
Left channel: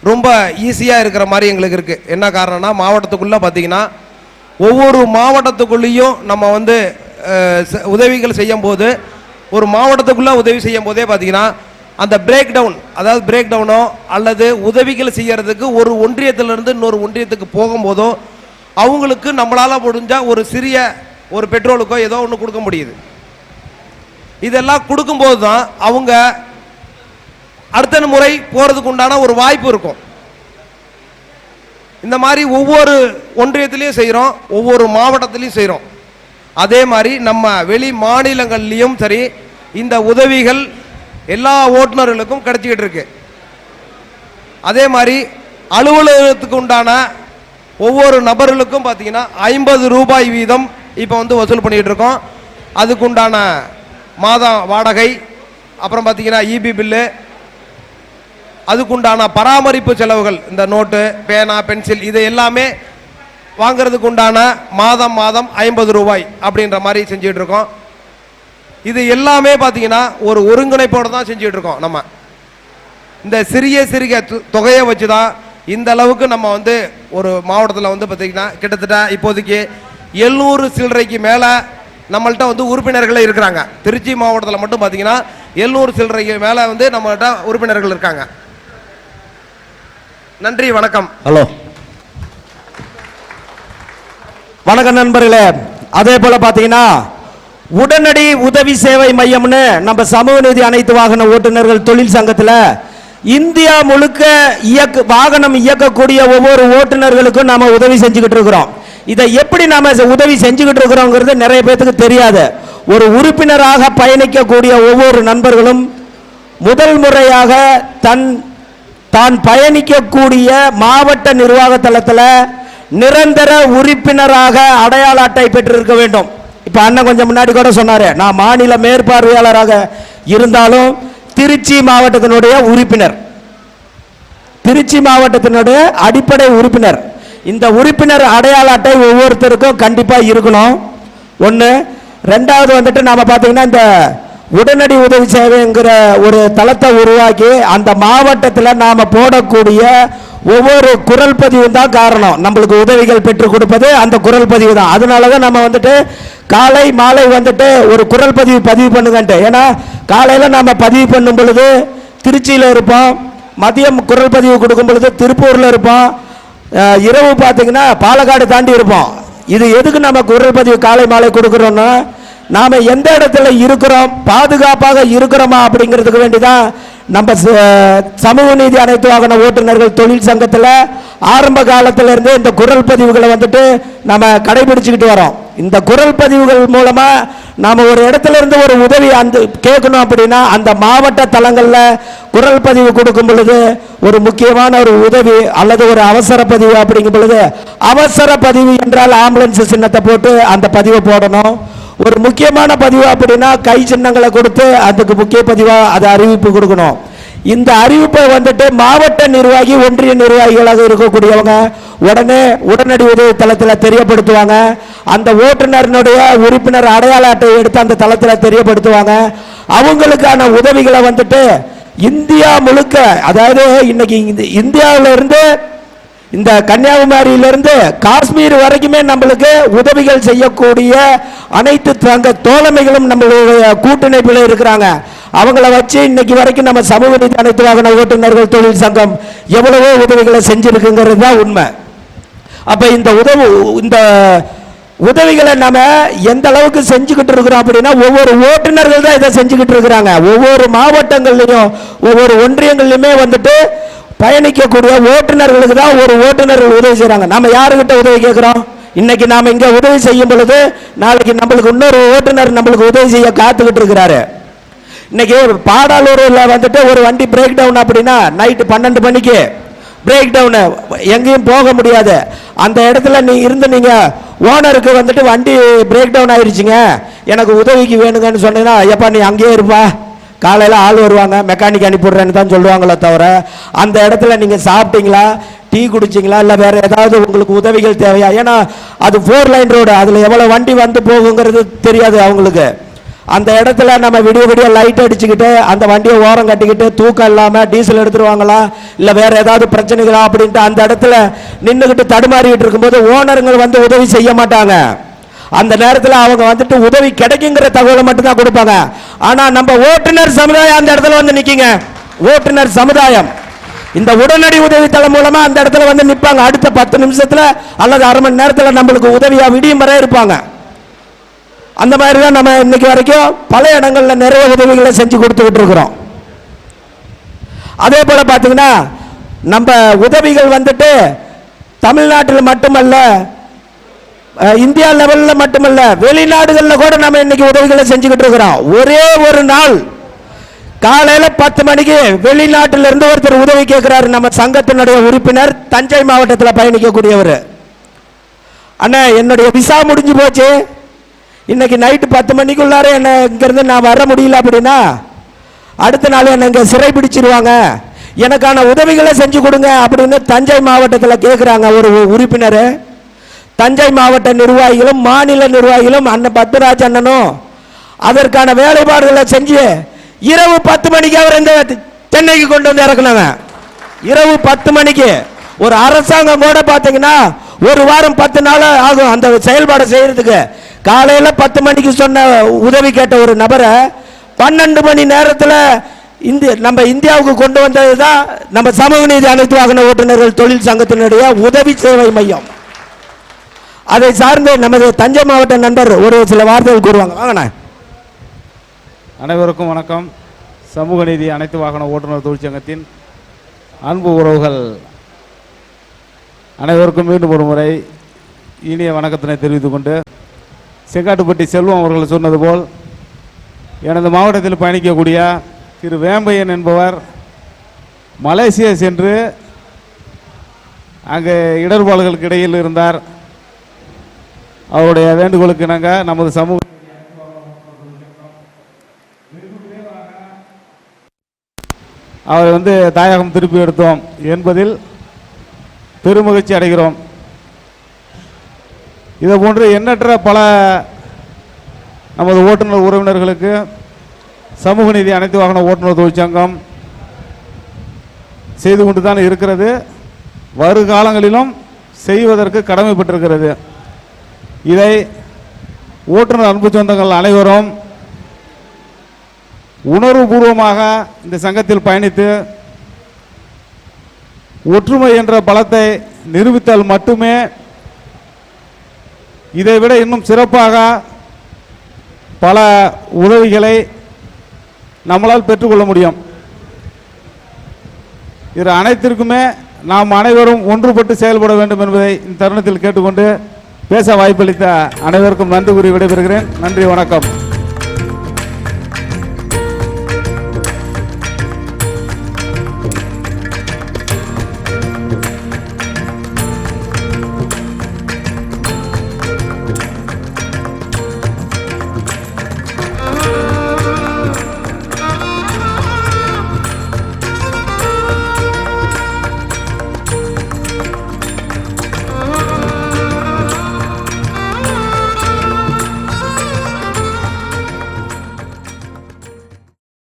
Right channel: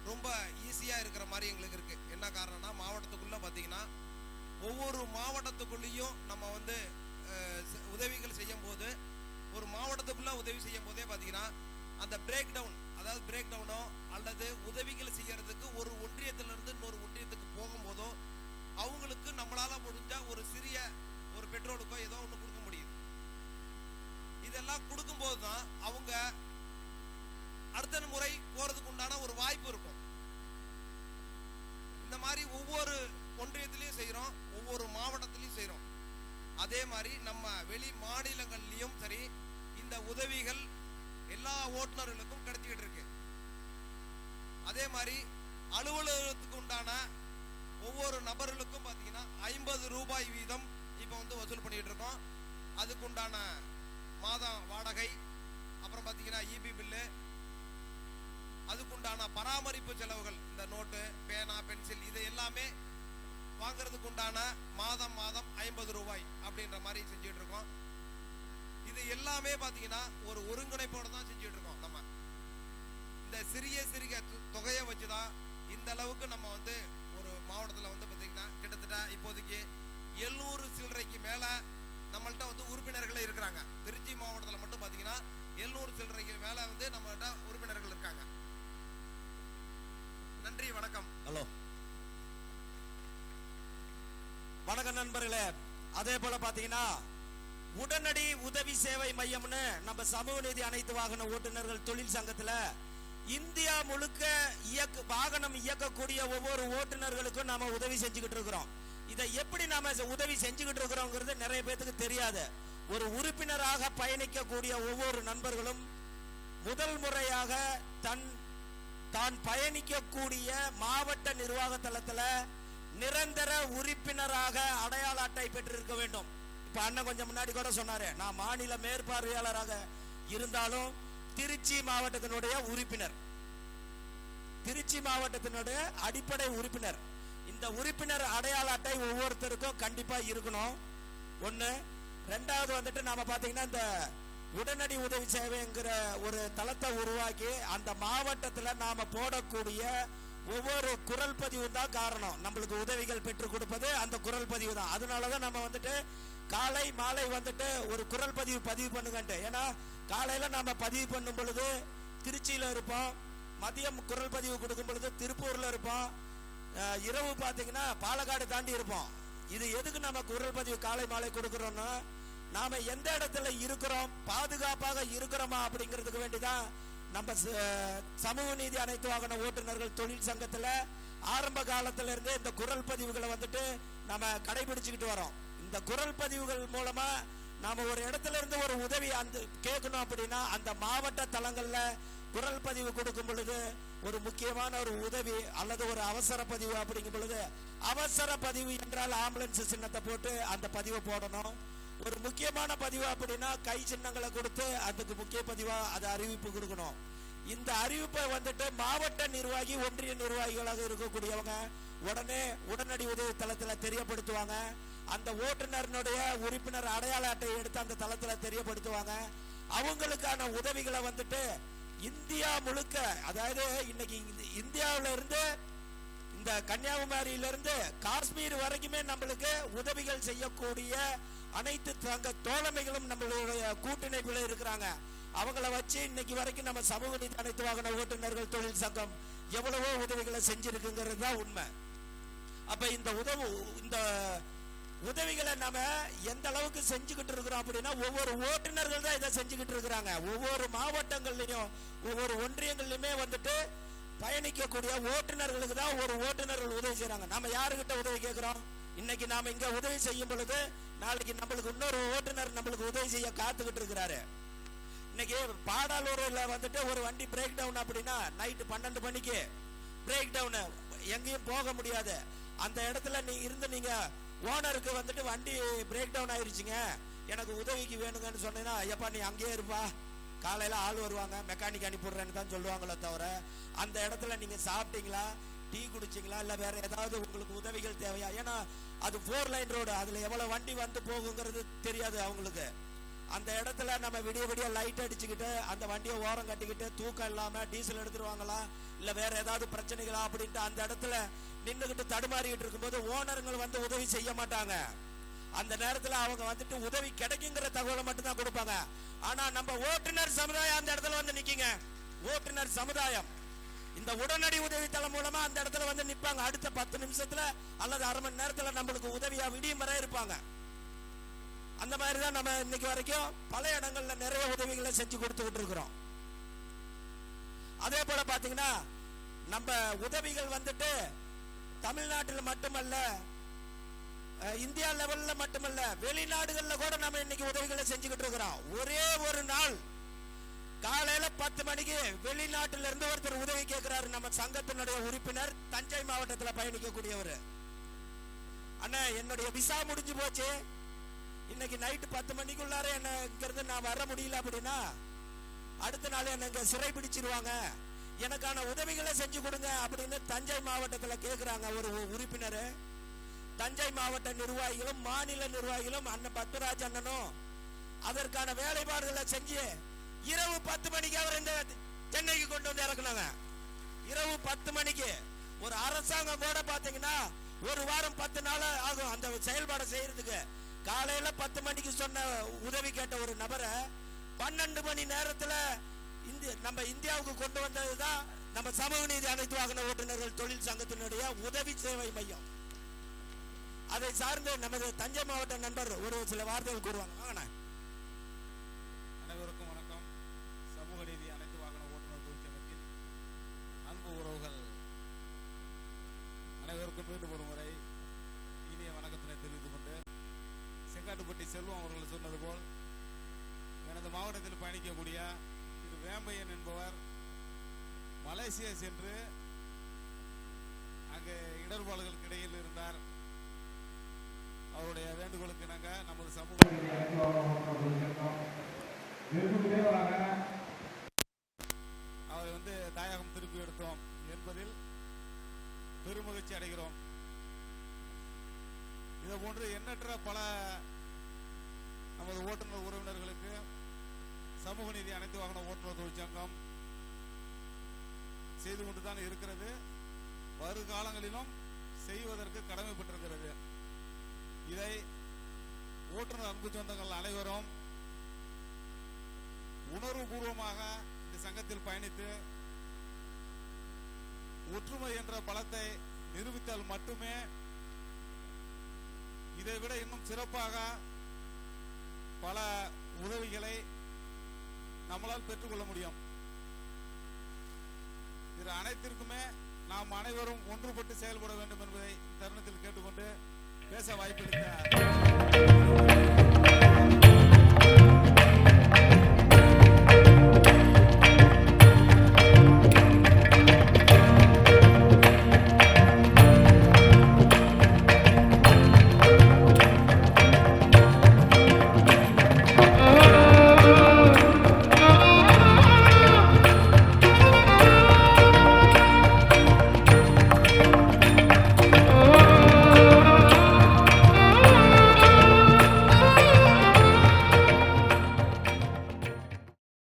ரொம்ப ஈஸியாக இருக்கிற மாதிரி எங்களுக்கு இருக்குது என்ன காரணம்னா மாவட்டத்துக்குள்ளே பார்த்தீங்கன்னா ஒவ்வொரு மாவட்டத்துக்குள்ளேயும் நம்ம வந்து உதவிகள் செய்யும் போது ஒரு மாவட்டத்துக்குள்ளே உதவி செய்யும் போதே பார்த்தீங்கன்னா அந்த பிரேக் டவுன் அதாவது பிரேக் டவுனோ அல்லது உதவிகள் செய்யறதுக்கு ஒரு ஒன்றியத்திலிருந்து இன்னொரு ஒன்றியத்துக்கு போகும்போதோ அவங்களுக்கு நம்மளால் முடிஞ்சால் ஒரு சிறிய ஒரு பெட்ரோலுக்கோ ஏதோ ஒன்று கொடுக்க முடியுது. இதெல்லாம் கொடுக்கும்போது தான் அவங்க அடுத்த முறை போகிறதுக்கு உண்டான ஒரு வாய்ப்பு இருக்கும். இந்த மாதிரி ஒவ்வொரு ஒன்றியத்திலையும் செய்கிறோம் ஒவ்வொரு மாவட்டத்திலையும் செய்கிறோம் அதே மாதிரி நம்ம வெளி மாநிலங்கள்லையும் சரி இந்த உதவிகள் எல்லா ஓட்டுநர்களுக்கும் கிடைச்சிக்கிட்டு இருக்கு. அதே மாதிரி அலுவலகத்துக்கு உண்டான ஒவ்வொரு நபர்களுக்கும் பார்த்தீங்கன்னா ஐம்பது ரூபாய் வீதம் இப்போ வந்து வசூல் பண்ணிகிட்டு இருக்கோம். அதுக்கு உண்டான மாதம் வாடகை அப்புறம் பார்த்தீங்கன்னா இபி பில்லு அதுக்குண்டான பராமரிப்பு செலவுகள் இந்த நோட்டு பேனா பென்சில் இது எல்லாமே வாங்குறதுக்கு உண்டான மாதம் மாதம் ஐம்பது ரூபாய் அப்படின்ற மாதிரி செஞ்சுட்டு இருக்கோம். இது எல்லாமே பார்த்தீங்கன்னா ஒரு ஒருங்கிணைப்போடு தான் செஞ்சுட்டு இருக்கோம் நம்ம. இந்த சிறிய சிறிய தொ- தொகையை வச்சு தான் இந்த அளவுக்கு நம்ம வந்து ஒரு மாவட்டத்தில் வந்து பார்த்தீங்கன்னா கிட்டத்தட்ட இப்போதைக்கு எழுநூறு சில்லறைக்கு மேலே நம்மள்கிட்ட வந்து உறுப்பினர்களே இருக்கிறாங்க. திருச்சி மாவட்டத்தில் மட்டும் பார்த்தீங்கன்னா எழுநூறு சில்லறைக்கு மேலே வந்து நம்மள்கிட்ட உறுப்பினர்கள் இருக்காங்க. நன்றி வணக்கம். ஹலோ. வணக்கம் நண்பர்களே. அதே போல பாத்தீங்கன்னா உடனடி உதவி சேவை மையம்னு நம்ம சமூக நீதி அனைத்து வாகன ஓட்டுநர்கள் தொழில் சங்கத்துல இந்தியா முழுக்க இயக்க வாகனம் இயக்கக்கூடிய ஒவ்வொரு ஓட்டுநர்களுக்கும் நாம உதவி செஞ்சுக்கிட்டு இருக்கிறோம். இதை எப்படி நாம உதவி செஞ்சுக்கிட்டு இருக்கிறோங்கிறது நிறைய பேத்துக்கு தெரியாது. ஒரு உறுப்பினராக பயணிக்கக்கூடிய ஒவ்வொரு நண்பர்களும் முதல் முறையாக தன் தான் பயணிக்கக்கூடிய மாவட்ட நிர்வாக தளத்தில் நிரந்தர உறுப்பினராக அடையாள அட்டை பெற்றிருக்க வேண்டும். இப்போ அண்ணன் கொஞ்சம் முன்னாடி கூட சொன்னார் நான் மாநில மேற்பார்வையாளராக இருந்தாலும் திருச்சி மாவட்டத்தினுடைய உறுப்பினர். திருச்சி மாவட்டத்தினுடைய அடிப்படை உறுப்பினர். இந்த உறுப்பினர் அடையாள அட்டை ஒவ்வொருத்தருக்கும் கண்டிப்பாக இருக்கணும். ஒன்று ரெண்டாவது வந்துட்டு நாம் பார்த்தீங்கன்னா இந்த உடனடி உதவி சேவைங்கிற ஒரு தளத்தை உருவாக்கி அந்த மாவட்டத்தில் நாம் போடக்கூடிய ஒவ்வொரு குரல் பதிவு தான் காரணம். நம்மளுக்கு உதவிகள் பெற்றுக் கொடுப்பது அந்த குரல் பதிவு தான். அதனால தான் நம்ம வந்துட்டு காலை மாலை வந்துட்டு ஒரு குரல் பதிவு பதிவு பண்ணுங்கன்ட்டு ஏன்னா காலையில் நம்ம பதிவு பண்ணும் பொழுது திருச்சியில் இருப்போம் மதியம் குரல் பதிவு கொடுக்கும் பொழுது திருப்பூரில் இருப்போம் இரவு பார்த்தீங்கன்னா பாலக்காடு தாண்டி இருப்போம். இது எதுக்கு நம்ம குரல் பதிவு காலை மாலை கொடுக்குறோன்னா நாம எந்த இடத்துல இருக்கிறோம் பாதுகாப்பாக இருக்கிறோமா அப்படிங்கிறதுக்கு வேண்டிதான் நம்ம ச- சமூக நீதி அனைத்து வாகன ஓட்டுநர்கள் தொழில் சங்கத்தில் ஆரம்ப காலத்திலிருந்து இந்த குரல் பதிவுகளை வந்துட்டு நம்ம கடைபிடிச்சுக்கிட்டு வரோம். இந்த குரல் பதிவுகள் மூலமா நாம ஒரு இடத்துல இருந்து ஒரு உதவி அந்த கேட்கணும் அப்படின்னா அந்த மாவட்ட தலங்களில் குரல் பதிவு கொடுக்கும் பொழுது ஒரு முக்கியமான ஒரு உதவி அல்லது ஒரு அவசர பதிவு அப்படிங்கும் பொழுது அவசர பதிவு என்றால் ஆம்புலன்ஸ் சின்னத்தை போட்டு அந்த பதிவை போடணும். ஒரு முக்கியமான பதிவு அப்படின்னா கை சின்னங்களை கொடுத்து அதுக்கு முக்கிய பதிவாக அதை அறிவிப்பு கொடுக்கணும். இந்த அறிவிப்பை வந்துட்டு மாவட்ட நிர்வாகி ஒன்றிய நிர்வாகிகளாக இருக்கக்கூடியவங்க உடனே உடனடி உதவி தளத்தில் தெரியப்படுத்துவாங்க. அந்த ஓட்டுநரினுடைய உறுப்பினர் அடையாள அட்டை எடுத்து அந்த தளத்தில் தெரியப்படுத்துவாங்க. அவங்களுக்கான உதவிகளை வந்துட்டு இந்தியா முழுக்க அதாவது இன்னைக்கு இந்த இந்தியாவில இருந்து இந்த கன்னியாகுமரியிலிருந்து காஷ்மீர் வரைக்குமே நம்மளுக்கு உதவிகள் செய்யக்கூடிய அனைத்து தங்க தோழமைகளும் நம்மளுடைய கூட்டணிப்பில் இருக்கிறாங்க. அவங்கள வச்சு இன்னைக்கு வரைக்கும் நம்ம சமூக நீதி அனைத்து வாகன ஓட்டுநர்கள் தொழில் சங்கம் எவ்வளவோ உதவிகளை செஞ்சிருக்குங்கிறது தான் உண்மை. அப்போ இந்த உதவு இந்த உதவிகளை நம்ம எந்த அளவுக்கு செஞ்சுக்கிட்டு இருக்கிறோம் அப்படின்னா ஒவ்வொரு ஓட்டுநர்கள் தான் இதை செஞ்சுக்கிட்டு இருக்கிறாங்க. ஒவ்வொரு மாவட்டங்கள்லையும் ஒவ்வொரு ஒன்றியங்கள்லையுமே வந்துட்டு பயணிக்கக்கூடிய ஓட்டுநர்களுக்கு தான் ஒரு ஓட்டுநர்கள் உதவி செய்கிறாங்க நம்ம யாருக்கிட்ட உதவி கேட்குறோம் இன்னைக்கு நாம் இங்கே உதவி செய்யும் பொழுது நாளைக்கு நம்மளுக்கு இன்னொரு ஓட்டுநர் நம்மளுக்கு உதவி செய்ய காத்துக்கிட்டு இருக்கிறாரு இன்னைக்கு பாடாலூரில் வந்துட்டு ஒரு வண்டி பிரேக் டவுன் அப்படின்னா நைட்டு பன்னெண்டு மணிக்கு பிரேக் டவுனு எங்கேயும் போக முடியாது. அந்த இடத்துல நீ இருந்து நீங்கள் ஓனருக்கு வந்துட்டு வண்டி பிரேக் டவுன் ஆயிடுச்சுங்க எனக்கு உதவிக்கு வேணுங்கன்னு சொன்னீங்கன்னா ஐயப்பா நீ அங்கேயே இருப்பா. காலையில் ஆள் வருவாங்க மெக்கானிக் அனுப்பிடுறேன்னு தான் சொல்லுவாங்களே தவிர அந்த இடத்துல நீங்கள் சாப்பிட்டீங்களா டீ குடிச்சிங்களா இல்லை வேறு ஏதாவது உங்களுக்கு உதவிகள் தேவையா? ஏன்னா அது ஃபோர் லைன் ரோடு அதில் எவ்வளோ வண்டி வந்து போகுங்கிறது தெரியாது அவங்களுக்கு. அந்த இடத்துல நம்ம விடிய விடிய லைட் அடிச்சுக்கிட்டு அந்த வண்டியை ஓரம் கட்டிக்கிட்டு தூக்கம் இல்லாமல் டீசல் எடுத்துருவாங்களா இல்லை வேறு ஏதாவது பிரச்சனைகளா அப்படின்ட்டு அந்த இடத்துல நின்றுக்கிட்டு தடுமாறிக்கிட்டு இருக்கும்போது ஓனருங்கள் வந்து உதவி செய்ய மாட்டாங்க. அந்த நேரத்தில் அவங்க வந்துட்டு உதவி கிடைக்குங்கிற தகவலை மட்டும்தான் கொடுப்பாங்க. ஆனால் நம்ம ஓட்டுநர் சமுதாயம் அந்த இடத்துல வந்து நிற்கிங்க ஓட்டுநர் சமுதாயம். இந்த உடனடி உதவி தளம் மூலமா அந்த இடத்துல வந்து நிற்பாங்க அடுத்த பத்து நிமிஷத்தில் அல்லது அரை மணி நேரத்தில் நம்மளுக்கு உதவியாக விடியும் வரை இருப்பாங்க. அந்த மாதிரி தான் நம்ம இன்னைக்கு வரைக்கும் பல இடங்களில் நிறைய உதவிகளை செஞ்சு கொடுத்துக்கிட்டு இருக்கிறோம். அதே போல் பார்த்தீங்கன்னா நம்ம உதவிகள் வந்துட்டு தமிழ்நாட்டில் மட்டுமல்ல இந்தியா லெவலில் மட்டுமல்ல வெளிநாடுகளில் கூட நம்ம இன்னைக்கு உதவிகளை செஞ்சுக்கிட்டு இருக்கிறோம். ஒரே ஒரு நாள் காலையில் பத்து மணிக்கு வெளிநாட்டிலிருந்து ஒருத்தர் உதவி கேட்கிறாரு. நம்ம சங்கத்தினுடைய உறுப்பினர் தஞ்சை மாவட்டத்தில் பயணிக்கக்கூடியவர். அண்ணா என்னுடைய விசா முடிஞ்சு போச்சு. இன்னைக்கு நைட்டு பத்து மணிக்குள்ளார என்ன இங்கேருந்து நான் வர முடியல அப்படின்னா அடுத்த நாள் என்னை இங்கே சிறை பிடிச்சிருவாங்க எனக்கான உதவிகளை செஞ்சு கொடுங்க அப்படின்னு தஞ்சை மாவட்டத்தில் கேட்குறாங்க ஒரு உறுப்பினர். தஞ்சை மாவட்ட நிர்வாகிகளும் மாநில நிர்வாகிகளும் அண்ணன் பத்மராஜ் அண்ணனும் அதற்கான வேலைப்பாடுகளை செஞ்சு இரவு பத்து மணிக்கு அவர் இந்த சென்னைக்கு கொண்டு வந்து இறக்குனாங்க இரவு பத்து மணிக்கு ஒரு அரசாங்கம் கூட பார்த்தீங்கன்னா ஒரு வாரம் பத்து நாள் ஆகும் அந்த செயல்பாடை செய்யறதுக்கு. காலையில் பத்து மணிக்கு சொன்ன உதவி கேட்ட ஒரு நபரை பன்னெண்டு மணி நேரத்தில் இந்திய நம்ம இந்தியாவுக்கு கொண்டு வந்தது தான் நம்ம சமூக நீதி அனைத்து வாகன ஓட்டுநர்கள் தொழில் சங்கத்தினுடைய உதவி சேவை மையம். அதை சார்ந்து நமது தஞ்சை மாவட்ட நண்பர் ஒரு சில வார்த்தைகள் கூறுவாங்க. வாங்கண்ணா அனைவருக்கும் வணக்கம். சமூக நீதி அனைத்து வாகன ஓட்டுநர் தொழிற்சங்கத்தின் அன்பு உறவுகள். அனைவருக்கும் மீண்டும் ஒரு முறை இனிய வணக்கத்தினை தெரிவித்துக் கொண்டு செங்காட்டுப்பட்டி செல்வம் அவர்கள் சொன்னது போல் எனது மாவட்டத்தில் பயணிக்கக்கூடிய திரு வேம்பையன் என்பவர் மலேசியா சென்று அங்கே இடர்பாடுகளுக்கு இடையில் இருந்தார். அவருடைய வேண்டுகோளுக்கு இணங்க நமது சமூக அவரை வந்து தாயகம் திருப்பி எடுத்தோம் என்பதில் பெருமகிழ்ச்சி அடைகிறோம். இதை போன்று எண்ணற்ற பல நமது ஓட்டுநர் உறவினர்களுக்கு சமூக நீதி அனைத்து வாகன ஓட்டுநர் தொழிற்சங்கம் செய்து கொண்டு தான் இருக்கிறது. வருகாலங்களிலும் செய்வதற்கு கடமைப்பட்டிருக்கிறது. இதை ஓட்டுநர் அன்பு சொந்தங்கள் அனைவரும் உணர்வுபூர்வமாக இந்த சங்கத்தில் பயணித்து ஒற்றுமை என்ற பலத்தை நிரூபித்தால் மட்டுமே இதைவிட இன்னும் சிறப்பாக பல உதவிகளை நம்மளால் பெற்றுக்கொள்ள முடியும். இது அனைத்திற்குமே நாம் அனைவரும் ஒன்றுபட்டு செயல்பட வேண்டும் என்பதை இந்த தருணத்தில் கேட்டுக்கொண்டு பேச வாய்ப்பளித்த அனைவருக்கும் நன்றி கூறி விடைபெறுகிறேன். நன்றி வணக்கம்.